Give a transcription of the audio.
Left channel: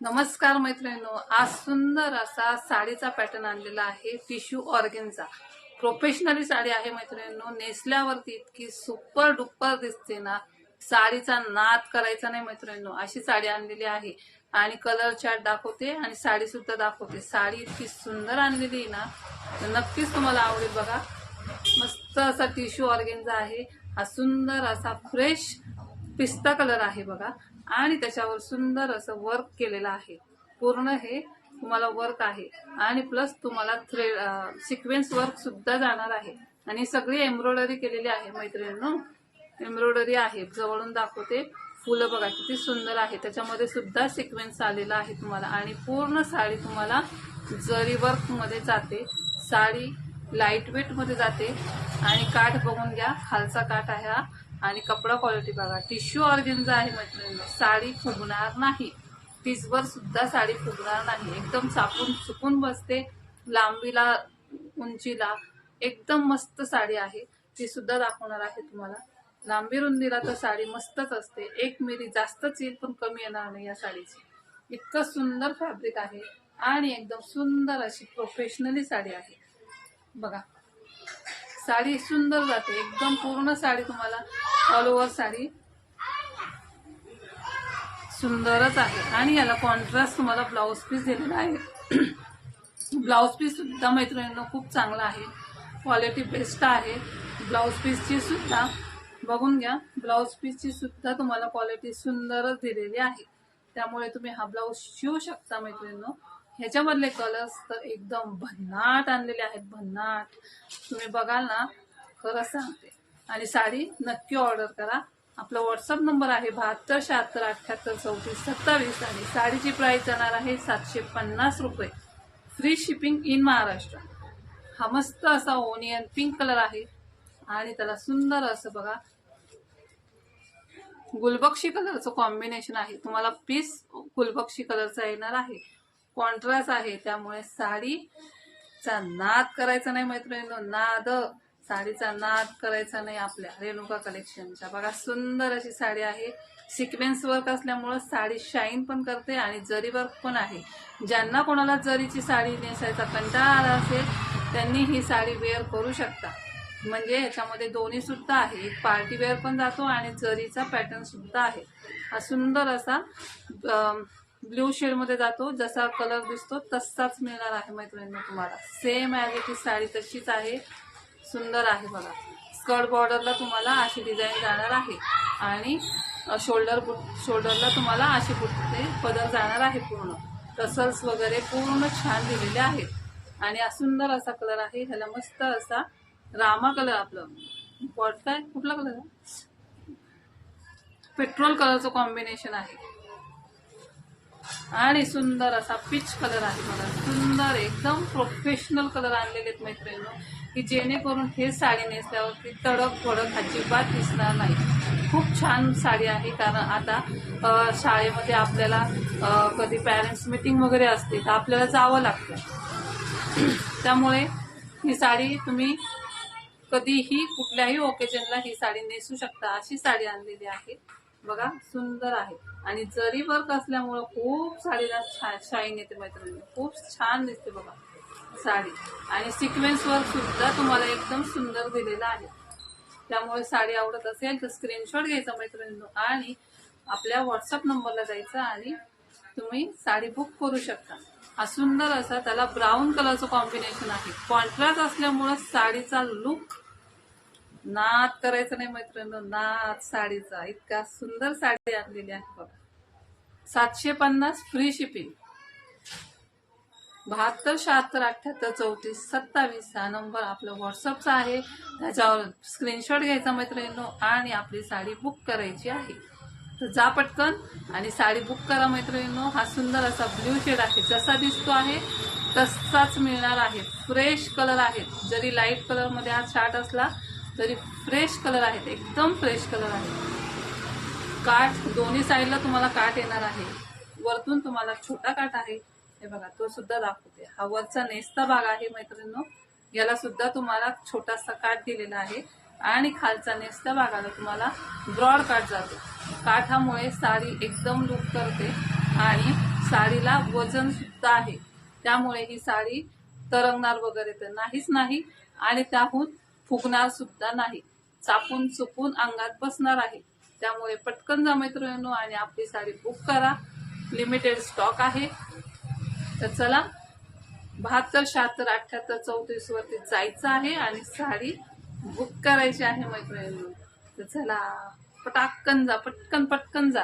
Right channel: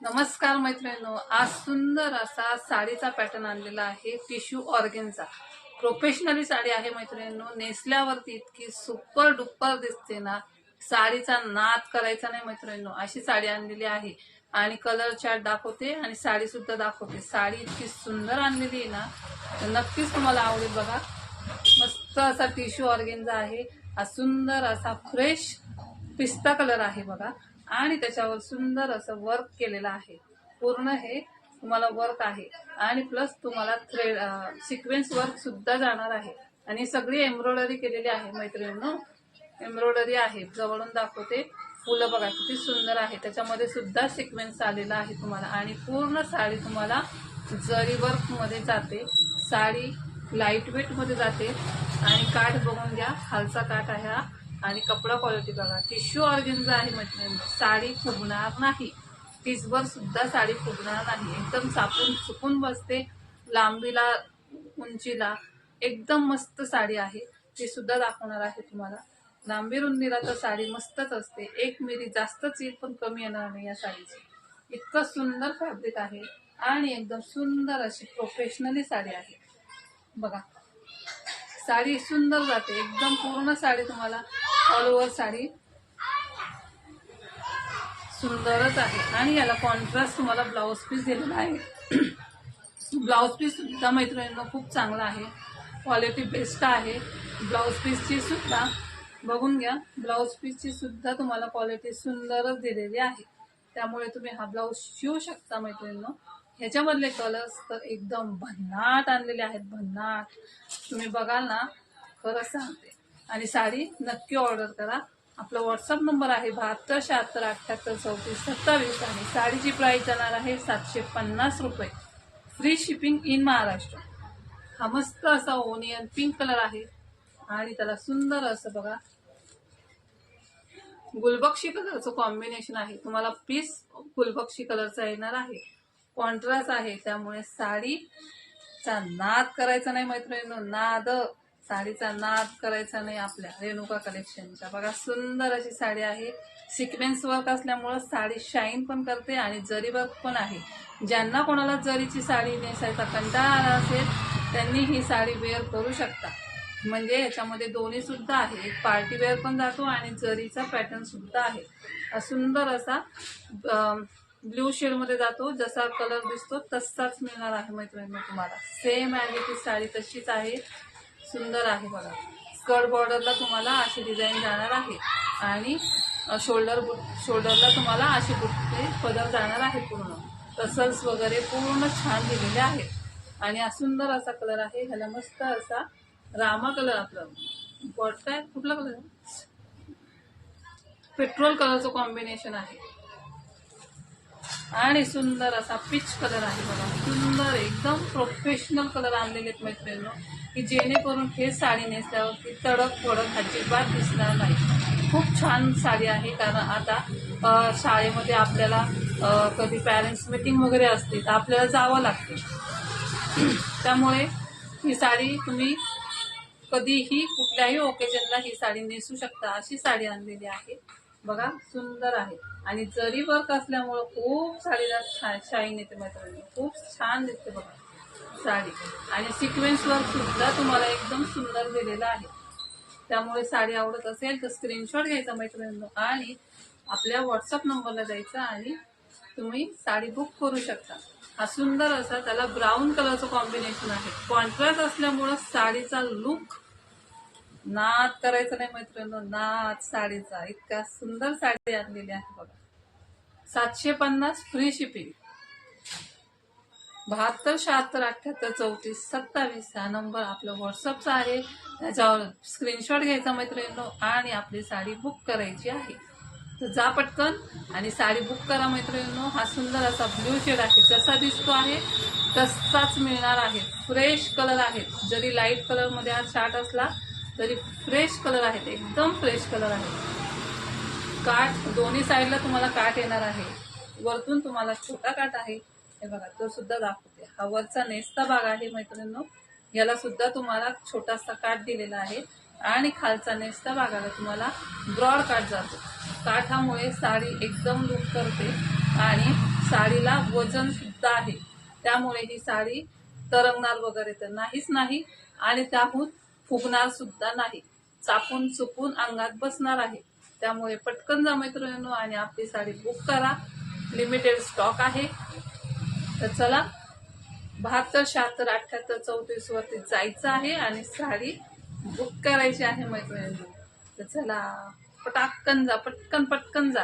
नमस्कार मैत्रिणींनो आज सुंदर असा साडीचा पॅटर्न आणलेला आहे टिश्यू ऑर्गेनचा. प्रोफेशनली साडी आहे मैत्रिणींनो नेसल्यावरती इतकी सुपर डुपर दिसते ना साडीचा नाद करायचा नाही मैत्रिणींनो अशी साडी आणलेली आहे. आणि कलर चार्ट दाखवते आणि साडी सुद्धा दाखवते. साडी इतकी सुंदर आणलेली आहे ना तर नक्कीच तुम्हाला आवडेल बघा. मस्त असा टिश्यू ऑर्गेनचा आहे. हा सुंदर असा फ्रेश पिस्ता कलर आहे बघा. आणि त्याच्यावर सुंदर असं वर्क केलेलं आहे. पूर्ण हे तुम्हाला वर्क आहे. आणि प्लस तुम्हाला थ्रेड सिक्वेन्स वर्क सुद्धा जाणार आहे. आणि सगळी एम्ब्रॉयडरी केलेली आहे मैत्रिणींनो. एम्ब्रॉयडरी आहे. जवळून दाखवते. फुलं बघा किती सुंदर आहे. त्याच्यामध्ये सुद्धा सिक्वेन्स आलेला आहे तुम्हाला. आणि पूर्ण साडी तुम्हाला जरी वर्कमध्ये जाते साडी लाइट वेटमध्ये जाते. आणि काठ बघून घ्या खालचा काठ आहे हा. आणि कपडा क्वालिटी बघा. टिश्यू ऑर्गेन्झा आहे मैत्रिणी साडी फुगणार नाही. टिसभर सुद्धा साडी फुगणार नाही. एकदम सापून सुकून बसते. लांबीला उंचीला एकदम मस्त साडी आहे. ती सुद्धा दाखवणार आहे तुम्हाला. लांबी रुंदीला तर साडी मस्तच असते. एक मिरी जास्तच येईल पण कमी येणार नाही या साडीची. इतकं सुंदर फॅब्रिक आहे आणि एकदम सुंदर अशी प्रोफेशनली साडी आहे. बघा. साडी सुंदर जाते. एकदम पूर्ण साडी तुम्हाला ऑल ओव्हर साडी. सुंदरच आहे. आणि याला कॉन्ट्रास्ट तुम्हाला ब्लाऊज पीस दिलेला आहे. ब्लाऊज पीस सुद्धा मैत्रिणींना खूप चांगला आहे. क्वालिटी बेस्ट आहे. ब्लाऊज पीसची सुद्धा बघून घ्या. ब्लाऊज पीसची सुद्धा तुम्हाला क्वालिटी सुंदरच दिलेली आहे. त्यामुळे तुम्ही हा ब्लाऊज शिवू शकता मैत्रिणींनो. ह्याच्यामधले कलर्स तर एकदम भन्नाट आणलेले आहेत. भन्नाट. तुम्ही बघाल ना खरंच सांगते. आणि साडी नक्की ऑर्डर करा. आपला व्हॉट्सअप नंबर आहे बहात्तर शहात्तर अठ्ठ्याहत्तर चौतीस सत्तावीस आणि साडीची प्राईस जाणार आहे सातशे पन्नास रुपये. Free shipping in Maharashtra. हा मस्त असा ओनियन पिंक कलर आहे आणि त्याला सुंदर असं बघा. गुलबक्षी कलरचं कॉम्बिनेशन आहे. तुम्हाला पीस गुलबक्षी कलरचा येणार आहे. कॉन्ट्रास्ट आहे. त्यामुळे साडीचा नाद करायचा नाही मैत्रिणींनो. नाद. साडीचा नाद करायचा नाही आपल्या रेणुका कलेक्शनच्या बघा सुंदर अशी साडी आहे. सिक्वेन्स वर्क असल्यामुळं साडी शाईन पण करते आणि जरी वर्क पण आहे. ज्यांना कोणाला जरीची साडी नेसायचा कंटाळा आला असेल त्यांनी ही साडी वेअर करू शकता. म्हणजे ह्याच्यामध्ये दोन्ही सुद्धा आहे. एक पार्टी वेअर पण जातो आणि जरीचा पॅटर्न सुद्धा आहे. हा सुंदर असा ब्ल्यू शेडमध्ये जातो. जसा कलर दिसतो तसाच मिळणार आहे मैत्रिणींना तुम्हाला. सेम ॲज साडी तशीच आहे. सुंदर आहे बघा. स्कर्ट बॉर्डरला तुम्हाला अशी डिझाईन जाणार आहे. आणि शोल्डर शोल्डरला तुम्हाला अशी बुट्टी पदर जाणार आहे पूर्ण. टसल्स वगैरे पूर्ण छान दिलेले आहेत. आणि हा सुंदर असा कलर आहे. ह्याला मस्त असा रामा कलर आपलं. बॉट काय? कुठला कलर आहे? पेट्रोल कलरचं कॉम्बिनेशन आहे. आणि सुंदर असा पिच कलर आहे बघा. सुंदर एकदम प्रोफेशनल कलर आणलेले आहेत मैत्रिणींनो. की जेणेकरून हे साडी नेसल्यावरती तडक फडक अजिबात दिसणार नाही. खूप छान साडी आहे. कारण आता शाळेमध्ये आपल्याला कधी पॅरेंट्स मीटिंग वगैरे असते तर आपल्याला जावं लागते. त्यामुळे ही साडी तुम्ही कधीही कुठल्याही ओकेजनला ही साडी नेसू शकता. अशी साडी आणलेली आहे. बघा सुंदर आहे. आणि जरी वर्क असल्यामुळं खूप साडीला छान शाईन येते मैत्रिणी. खूप छान दिसते बघा साडी. आणि सिक्वेन्स वर्क सुद्धा तुम्हाला एकदम सुंदर दिलेला आहे. त्यामुळे साडी आवडत असेल तर स्क्रीनशॉट घ्यायचा मैत्रिणींनो. आणि आपल्या व्हॉट्सअप नंबरला जायचा आणि तुम्ही साडी बुक करू शकता. हा सुंदर असा त्याला ब्राऊन कलरचं कॉम्बिनेशन आहे. कॉन्ट्रास्ट असल्यामुळं साडीचा लुक नाद करायचा नाही मैत्रिणी नाद साडीचा. इतका सुंदर साडी आणलेली आहे बघा. सातशे पन्नास फ्री शिपिंग बहात्तर शहात्तर अठ्ठ्याहत्तर चौतीस सत्तावीस हा नंबर आपलं व्हॉट्सअपचा आहे. त्याच्यावर स्क्रीनशॉट घ्यायचा मैत्रिणींनो आणि आपली साडी बुक करायची आहे. तर जा पटकन आणि साडी बुक करा मैत्रिणींनो. हा सुंदर असा ब्ल्यू शेड आहे. जसा दिसतो आहे तसाच मिळणार आहे. फ्रेश कलर आहे. जरी लाइट कलरमध्ये हा शार्ट असला तरी फ्रेश कलर आहेत एकदम फ्रेश कलर आहे. काठ दोन्ही साईडला तुम्हाला काठ येणार आहे. वरतून तुम्हाला छोटा काठ आहे. हे बघा तो सुद्धा दाखवते. हा वरचा नेसता भाग आहे मैत्रिणींनो. याला सुद्धा तुम्हाला छोटासा काठ दिलेला आहे. आणि खालचा नेसता भागाला तुम्हाला ब्रॉड काठ जातो. काठामुळे साडी एकदम लुक करते आणि साडीला वजन सुद्धा आहे. त्यामुळे ही साडी तरंगणार वगैरे तर नाहीच नाही. आणि त्याहून फुगणार सुद्धा नाही. चापून चुकून अंगात बसणार आहे. त्यामुळे पटकन जा मैत्रिणींनो आणि आपली साडी बुक करा. लिमिटेड स्टॉक आहे. तर चला बहात्तर शहात्तर अठ्याहत्तर चौतीस वरती जायचं आहे आणि साडी बुक करायची आहे मैत्रिणींनो. तर चला पटाकन जा पटकन पटकन जा.